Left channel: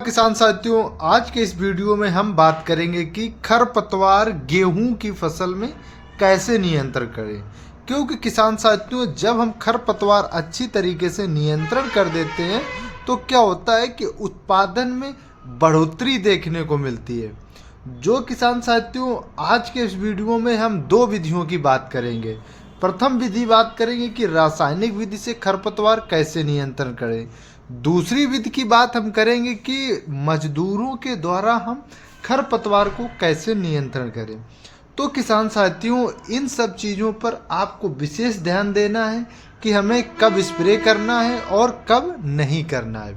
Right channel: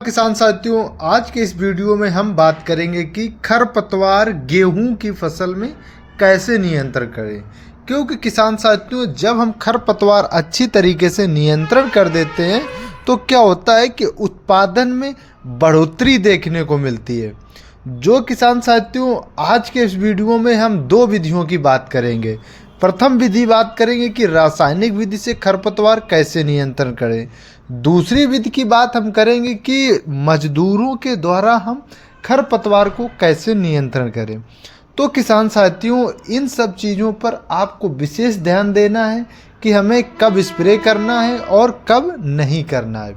किसान साथियों, आज के इस वीडियो में हम बात करेंगे कि खरपतवार गेहूं की फसल में कैसे नियंत्रण करें। क्योंकि किसान साथियों, जब हम खरपतवार अच्छी तरीके से नियंत्रण कर देते हैं तो क्या होता है कि उत्पादन में बढ़ोतरी देखने को मिलती है। जो किसान साथियों, आज के इस वीडियो में हम दो विधियों की बात करेंगे। प्रथम विधि बात करेंगे कि रासायनिक विधि से खरपतवार कैसे नियंत्रण करें। दूसरी विधि की बात हम करेंगे कि मजदूरों के द्वारा हम खरपतवार को कैसे नियंत्रण करें। तो किसान साथियों, इन सब चीज़ों पर आपको विशेष ध्यान देना है कि हमें कब स्प्रे करना है और कब नहीं करना है।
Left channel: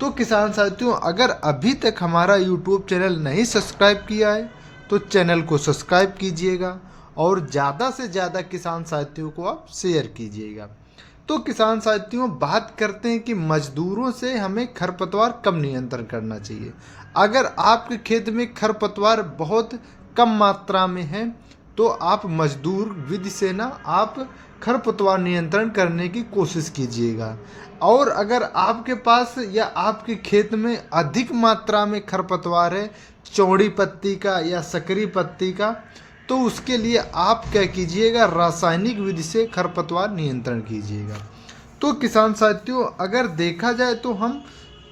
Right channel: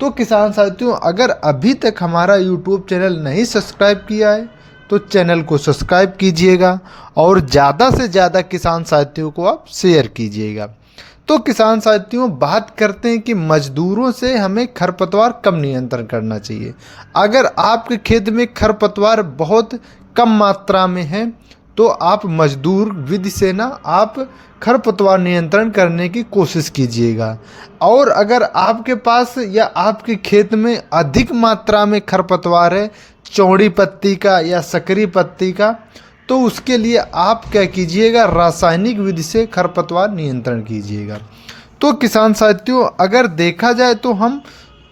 तो किसान साथियों, अगर अभी तक हमारा यूट्यूब चैनल नहीं सब्सक्राइब किया है तो चैनल को सब्सक्राइब कीजिएगा और ज़्यादा से ज़्यादा किसान साथियों को आप शेयर कीजिएगा। तो किसान साथियों, बात करते हैं कि मजदूरों से हमें खरपतवार कब नियंत्रण करना चाहिए। अगर आपके खेत में खरपतवार बहुत कम मात्रा में है तो आप मजदूर विधि से ना आप खरपतवार नियंत्रण करने की कोशिश कीजिएगा। और अगर आपके पास या आपके खेत में अधिक मात्रा में खरपतवार है, चौड़ी पत्ती का या सकरी पत्ती का, तो उसके लिए आप क्या कीजिएगा, रासायनिक विधि से खरपतवार नियंत्रण कीजिएगा। तो किसान साथियों, अगर देखा जाए तो हम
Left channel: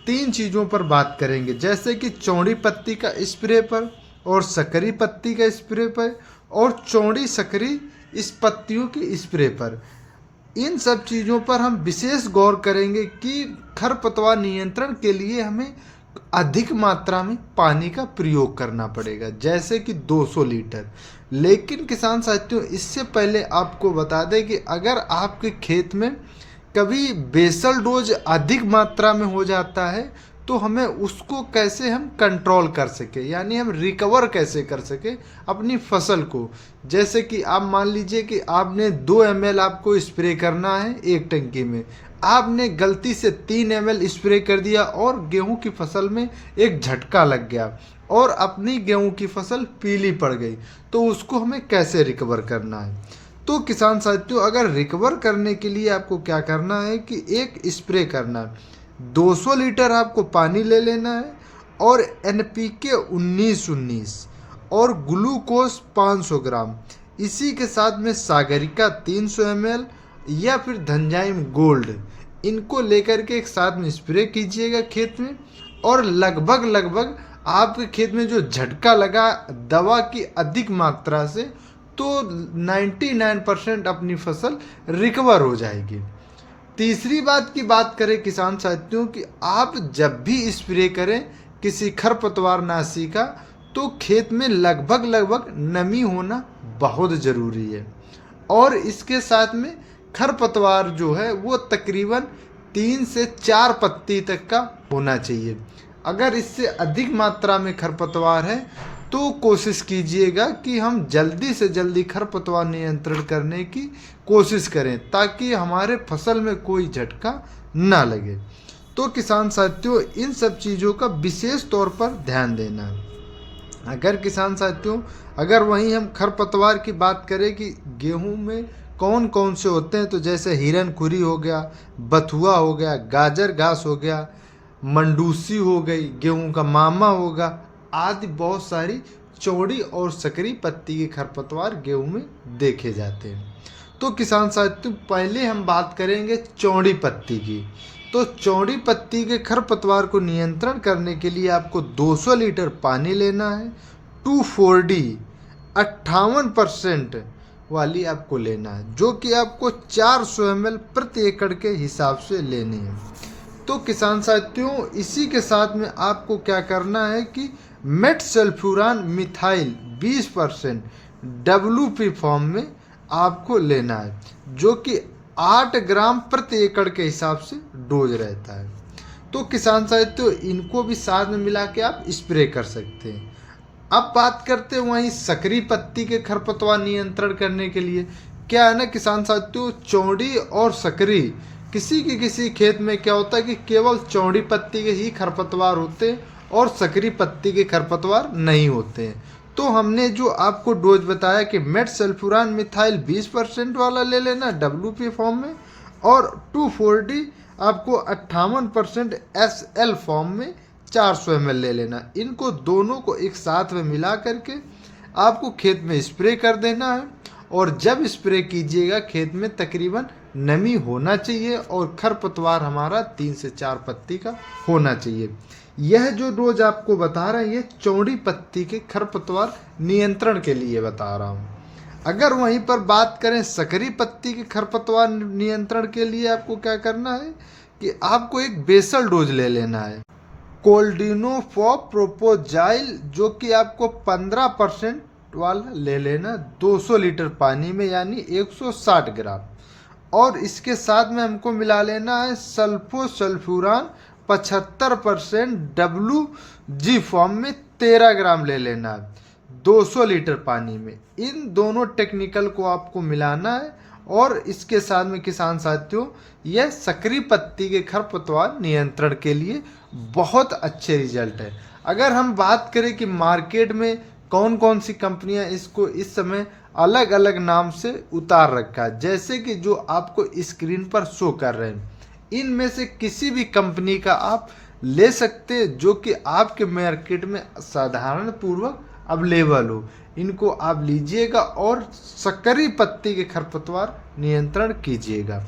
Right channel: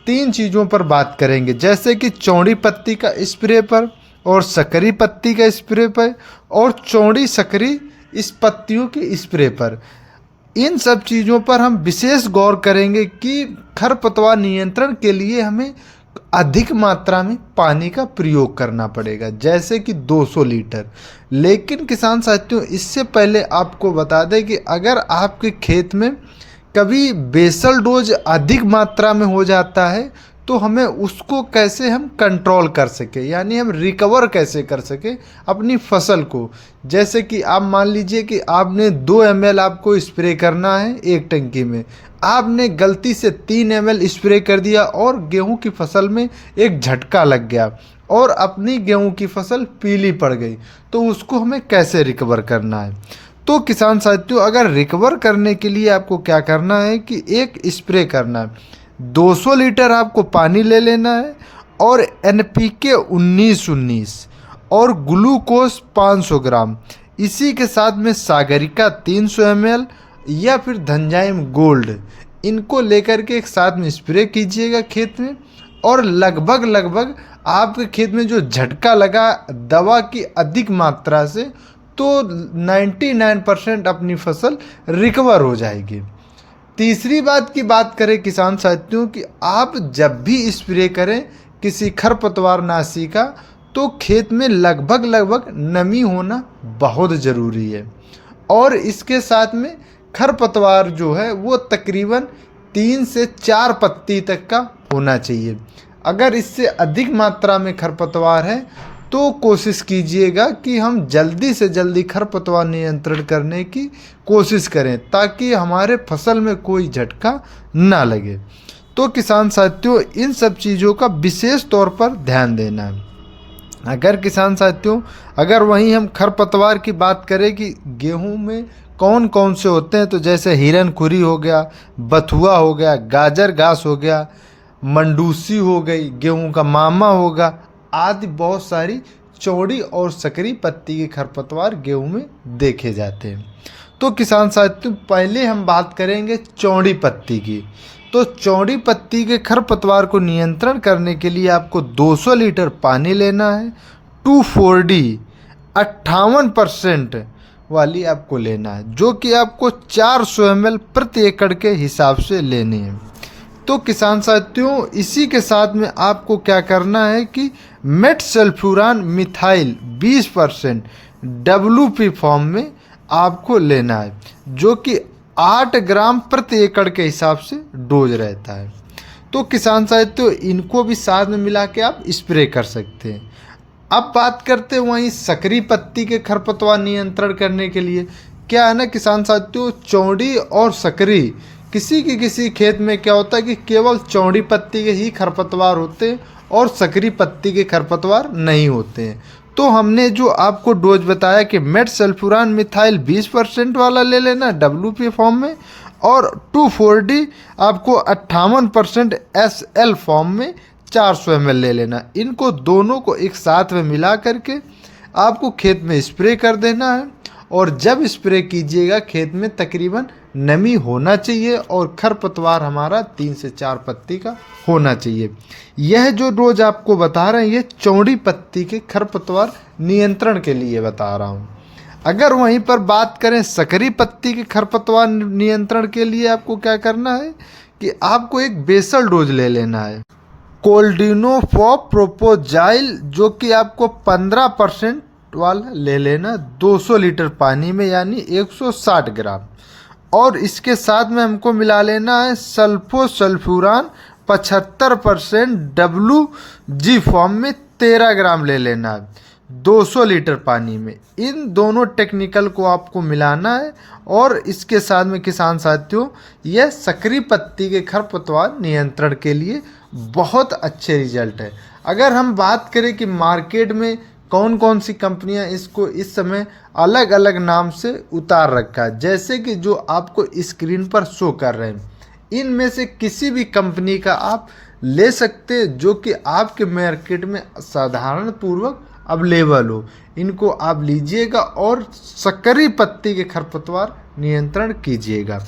तीन चीज़ों पर बात करेंगे, जैसे कि चौड़ी पत्ती का स्प्रे पर और सकरी पत्ती का स्प्रे पर और चौड़ी सकरी इस पत्तियों के स्प्रे पर। इन सब चीज़ों पर हम विशेष गौर करेंगे कि खरपतवार नियंत्रण के लिए हमें अधिक मात्रा में पानी का प्रयोग करना पड़ेगा, जैसे कि 200 लीटर। लेकिन किसान साथियों, इससे पहले आपको बता दें कि अगर आपके खेत में कभी बेसल डोज अधिक मात्रा में हो जाता है तो हमें उसको कैसे हम कंट्रोल कर सके, यानी हम रिकवर कैसे कर सके अपनी फसल को। जैसे कि आप मान लीजिए कि आपने 2 ml आपको स्प्रे करना है एक टंकी में, आपने गलती से 3 ml स्प्रे कर दिया और गेहूं की फसल में एक झटका लग गया और अपनी गेहूं की फसल पीली पड़ गई, तो उसको हमें कैसे रिकवर करना है। तो किसान साथियों, अगर रिकवर करने के लिए आपको क्या करना है कि एक स्प्रे करना है, 200 लीटर आपको पानी ले लेना है और NPK 19-19 और ग्लूकोज 500 ग्राम, इसी के साथ में सागरिका 300 ml या फिर धनजाइम गोल्ड, इनको लेकर के एक साथ में स्प्रे कीजिएगा खेत में। और लगभग आपके खेत में जो झटका लगा दवा की अधिक मात्रा से, तो 99% अपनी फसल रिकवर हो जाएगी। तीसरी बात की बात करें किसान साथियों कि आप जब भी स्प्रे करें किसी खरपतवार नाशी का, तो खेत में लगभग नमी होना बहुत ज़रूरी है। और इसके साथ में खरपतवार जो है वो तकरीबन 3 से 4 पत्ती तक का होना चाहिए। अगर इससे अधिक मात्रा में खरपतवार है तो कोशिश कीजिएगा कि हम जल्दी से जल्दी खरपतवार नियंत्रण करने की कोशिश करें ताकि हमारे फसल में कोई झटका ना लगे। तो किसान साथियों, इन सब चीज़ों का विशेष तौर पर ध्यान देना है। अगर किसान साथियों, अगर वहीं हम खरपतवार की बात करें कि गेहूं में कौन कौन से होते हैं, तो जैसे हिरनखुरी हो गया, बथुआ हो गया, गाजर घास हो गया, मंडूसी हो गई, गेहूं का मामा होगा आदि बहुत सारी चौड़ी और सकरी पत्ती के खरपतवार गेहूं में देखे जाते हैं। तो किसान साथियों, पहले हम बात करेंगे चौड़ी पत्ती की। तो चौड़ी पत्ती के खरपतवार को नियंत्रण करने के लिए आपको 200 लीटर पानी लेना है, 2,4-D 58% वाली आपको लेना है, जो कि आपको 400 ml प्रति एकड़ के हिसाब से लेनी है। तो किसान साथियों, इसी के साथ में आपको क्या करना है कि मेटसल्फ्यूरान मिथाइल 20% WP फॉर्म में आपको लेना है, जो कि 8 ग्राम प्रति एकड़ के हिसाब से डोज रहता है। तो किसान साथियों, इनको भी साथ में मिला के आप स्प्रे कर सकते हैं। अब बात करते हैं वहीं सकरी पत्ती के खरपतवार नियंत्रण करने के लिए। क्या है ना किसान साथियों, चौड़ी और सकरी किसी खेत में क्या होता है कि केवल चौड़ी पत्ती के ही खरपतवार होते हैं और सकरी पत्ती के खरपतवार नहीं होते हैं। तो हमने जो आपको डोज बताया कि मेटसल्फ्यूरान मिथाइल 20% वाला ले लेना WP फॉर्म में, और 2,4-D आपको 58% SL फॉर्म में 400 ml ले लेना। इनको दोनों को एक साथ में मिला करके आपको खेत में स्प्रे कर देना है। और जब स्प्रे कीजिएगा खेत में तकरीबन नमी होना चाहिए और खरपतवार हमारा 3 से 4 पत्ती का होना चाहिए। यह जो डोज आपको बता रहे हैं ये चौड़ी पत्ती के खरपतवार नियंत्रण के लिए बता रहा हूँ। अगर वहीं पर बात करें सकरी पत्ती के खरपतवार नियंत्रण के लिए आपको क्या करना है कि आपको एक बेसल डोज ले लेना है कोल्डिनोफॉप प्रोपोजाइल, जो कि आपको 15% वाला ले लेना 200 लीटर पानी में, यानी 160 ग्राम। और इसके साथ में हमको मिला लेना है सल्फोसल्फ्यूरान 75% WG फॉर्म में 13 ग्राम ले लेना है 200 लीटर पानी में। इन दोनों टेक्निकल को आपको मिलाना है। और इसके साथ में किसान साथियों यह सकरी पत्ती के खरपतवार नियंत्रण के लिए बहुत अच्छे रिजल्ट है। अगर हम बात करें कि मार्केट में कौन कौन सी कंपनियां इसको इस समय अलग अलग नाम से उतार रखा है, जैसे कि जो आपको स्क्रीन पर शो कर रहे हैं, इनमें से किसी भी कंपनी का आप ले सकते हैं जो कि आपके मार्केट में साधारण पूर्वक अवेलेबल हो। इनको आप लीजिएगा और सकरी पत्ती के खरपतवार नियंत्रण कीजिएगा।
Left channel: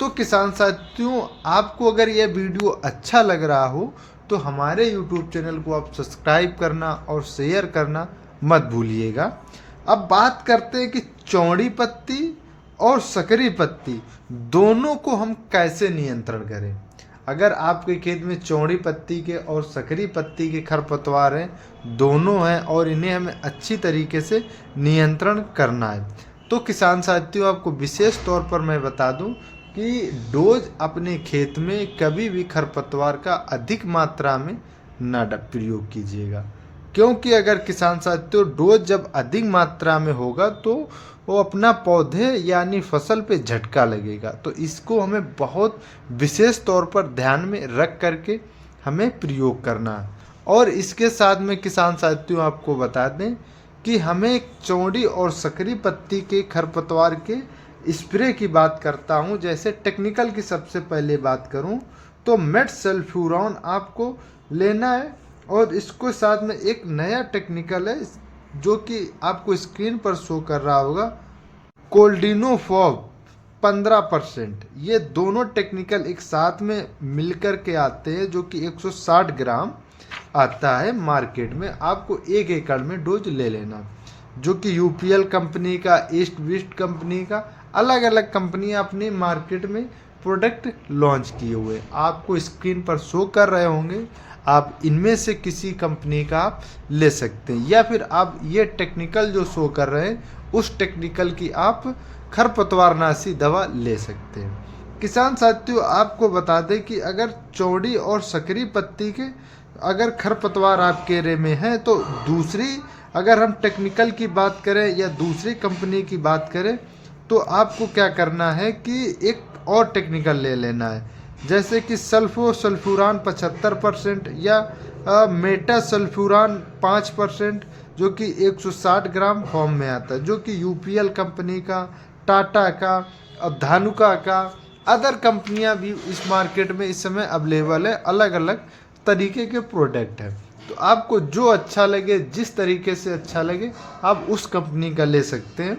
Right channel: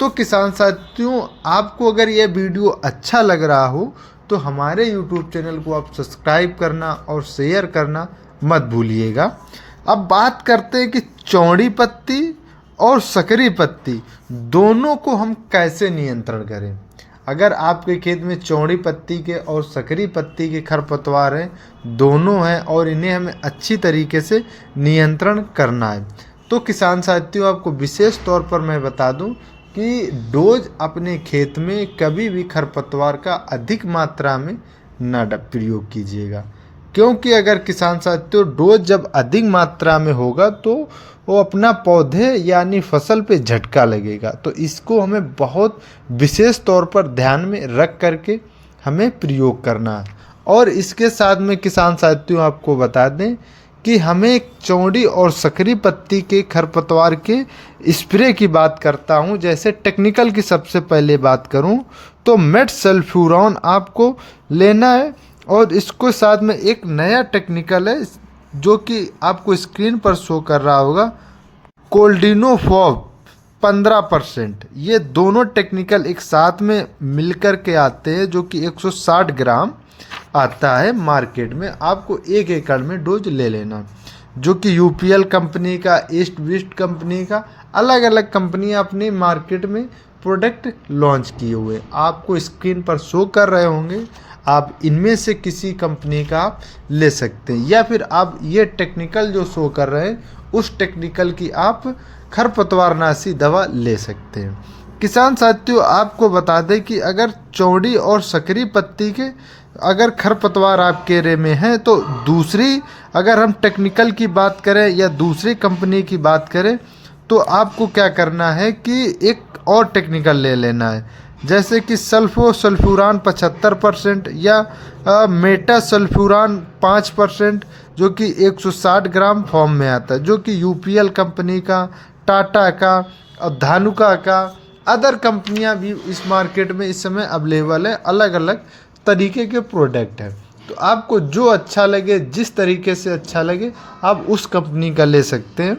तो किसान साथियों आपको अगर यह वीडियो अच्छा लग रहा हो तो हमारे YouTube चैनल को आप सब्सक्राइब करना और शेयर करना मत भूलिएगा। अब बात करते हैं कि चौड़ी पत्ती और सकरी पत्ती दोनों को हम कैसे नियंत्रण करें। अगर आपके खेत में चौड़ी पत्ती के और सकरी पत्ती के खरपतवार हैं, दोनों हैं, और इन्हें हमें अच्छी तरीके से नियंत्रण करना है, तो किसान साथियों आपको विशेष तौर पर मैं बता दूं कि डोज अपने खेत में कभी भी खरपतवार का अधिक मात्रा में न प्रयोग कीजिएगा। क्योंकि अगर किसान साथियों डोज जब अधिक मात्रा में होगा तो वो अपना पौधे यानी फसल पे झटका लगेगा। तो इसको हमें बहुत विशेष तौर पर ध्यान में रख करके हमें प्रयोग करना है। और इसके साथ में किसान साथियों आपको बता दें कि हमें चौड़ी और सकरी पत्ती के खरपतवार के स्प्रे की बात करता हूं। जैसे टेक्निकल की सबसे पहले बात करूं तो मेटसल्फ्यूरॉन आपको लेना है। और इसको साथ में एक नया टेक्निकल है जो कि आपको स्क्रीन पर शो कर रहा होगा, कोल्डिनोफॉप 15%। ये दोनों टेक्निकल एक साथ में मिलकर के आते हैं जो कि 160 ग्राम आता है मार्केट में। आपको 1 एकड़ में डोज ले लेना, जो कि UPL कंपनी का, ईस्ट वेस्ट कंपनी का, अलग अलग कंपनियां अपनी मार्केट में प्रोडक्ट लॉन्च किए हुए आपको स्क्रीन पर शो कर रहे होंगे। आप इनमें से किसी कंपनी का आप ले सकते हैं, या फिर आप ये टेक्निकल जो शो कर रहे हैं उस टेक्निकल की आप खरपतवारनाशी दवा ले सकते हैं। किसान साथियों आपको बता दें कि अगर चौड़ी और सकरी पत्ती के अगर खरपतवार आपके एरिया में है तो दूसरी, अगर हम टेक्निकल की बात करें या दूसरी कंपनी की बात करें तो आपको क्या करना है कि एक और टेक्निकल ले लेना है, जैसे कि सल्फोसल्फ्यूरान 75% या मेटासल्फ्यूरान 5%, जो कि 160 ग्राम फॉर्म में आता है, जो कि UPL कंपनी का, टाटा का और धानुका का, अदर कंपनियां भी इस मार्केट में इस समय अवेलेबल है। अलग अलग तरीके के प्रोडक्ट हैं, तो आपको जो अच्छा लगे, जिस तरीके से अच्छा लगे आप उस कंपनी का ले सकते हैं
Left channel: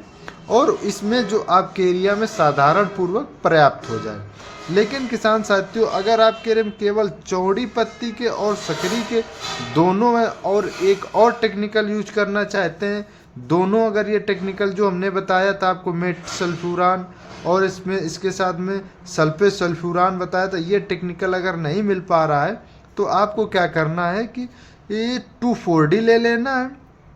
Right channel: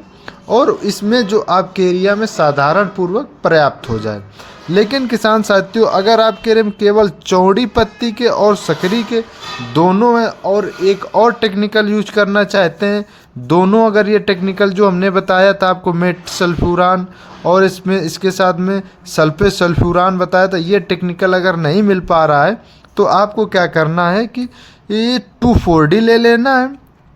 और इसमें जो आपके एरिया में साधारण पूर्वक पर्याप्त हो जाए। लेकिन किसान साथियों अगर आपके एरिया में केवल चौड़ी पत्ती के और सकरी के दोनों हैं और एक और टेक्निकल यूज करना चाहते हैं, दोनों अगर ये टेक्निकल जो हमने बताया था आपको मेटसल्फ्यूरान और इसमें इसके साथ में सल्फोसल्फ्यूरान बताया था, ये टेक्निकल अगर नहीं मिल पा रहा है तो आपको क्या करना है कि ये 2,4-D ले लेना है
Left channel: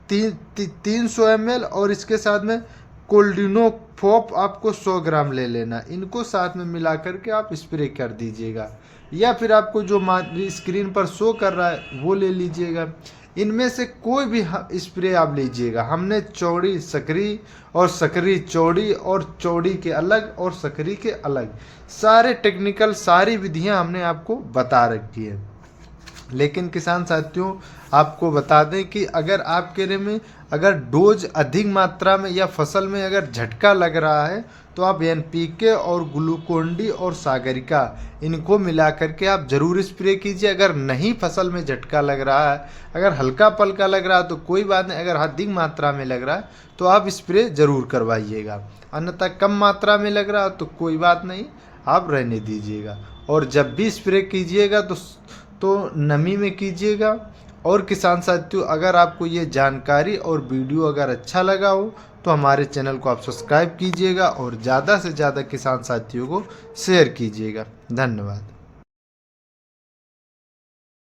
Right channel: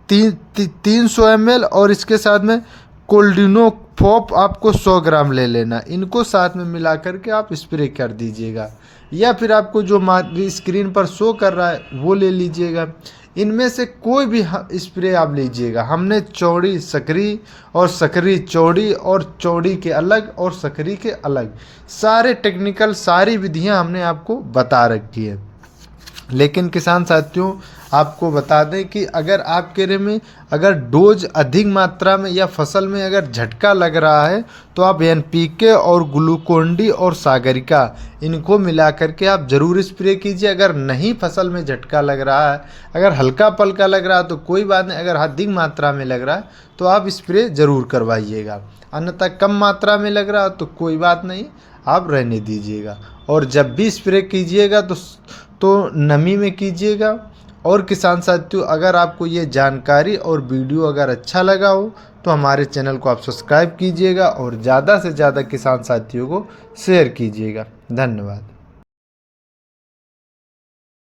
300 ml और इसके साथ में कोल्डिनोफॉप आपको 100 ग्राम ले लेना। इनको साथ में मिला करके आप स्प्रे कर दीजिएगा, या फिर आपको जो स्क्रीन पर शो कर रहा है वो ले लीजिएगा। इनमें से कोई भी स्प्रे आप लीजिएगा। हमने चौड़ी सकरी और सकरी चौड़ी और चौड़ी के अलग और सकरी के अलग सारे टेक्निकल सारी विधियां हमने आपको बता रखी है। लेकिन किसान साथियों आपको बता दें कि अगर आपके एरिया में अगर डोज अधिक मात्रा में या फसल में अगर झटका लग रहा है तो आप NPK और ग्लूकोन-डी और सागरिका इनको मिला करके आप ज़रूर स्प्रे कीजिए। अगर नहीं फसल में झटका लग रहा है, अगर हल्का पल्का लग रहा है तो कोई बात नहीं, अगर अधिक मात्रा में लग रहा है तो आप स्प्रे ज़रूर करवाइएगा। अन्यथा कम मात्रा में लग रहा है तो कोई बात नहीं, आप रहने दीजिएगा। और जब भी स्प्रे कीजिएगा तो नमी में कीजिएगा। और किसान साथियों अगर आपको ये जानकारी और वीडियो अगर अच्छा लगा हो तो हमारे चैनल को आप सब्सक्राइब कीजिएगा और ज़्यादा से ज़्यादा किसान साथियों को शेयर कीजिएगा। धन्यवाद।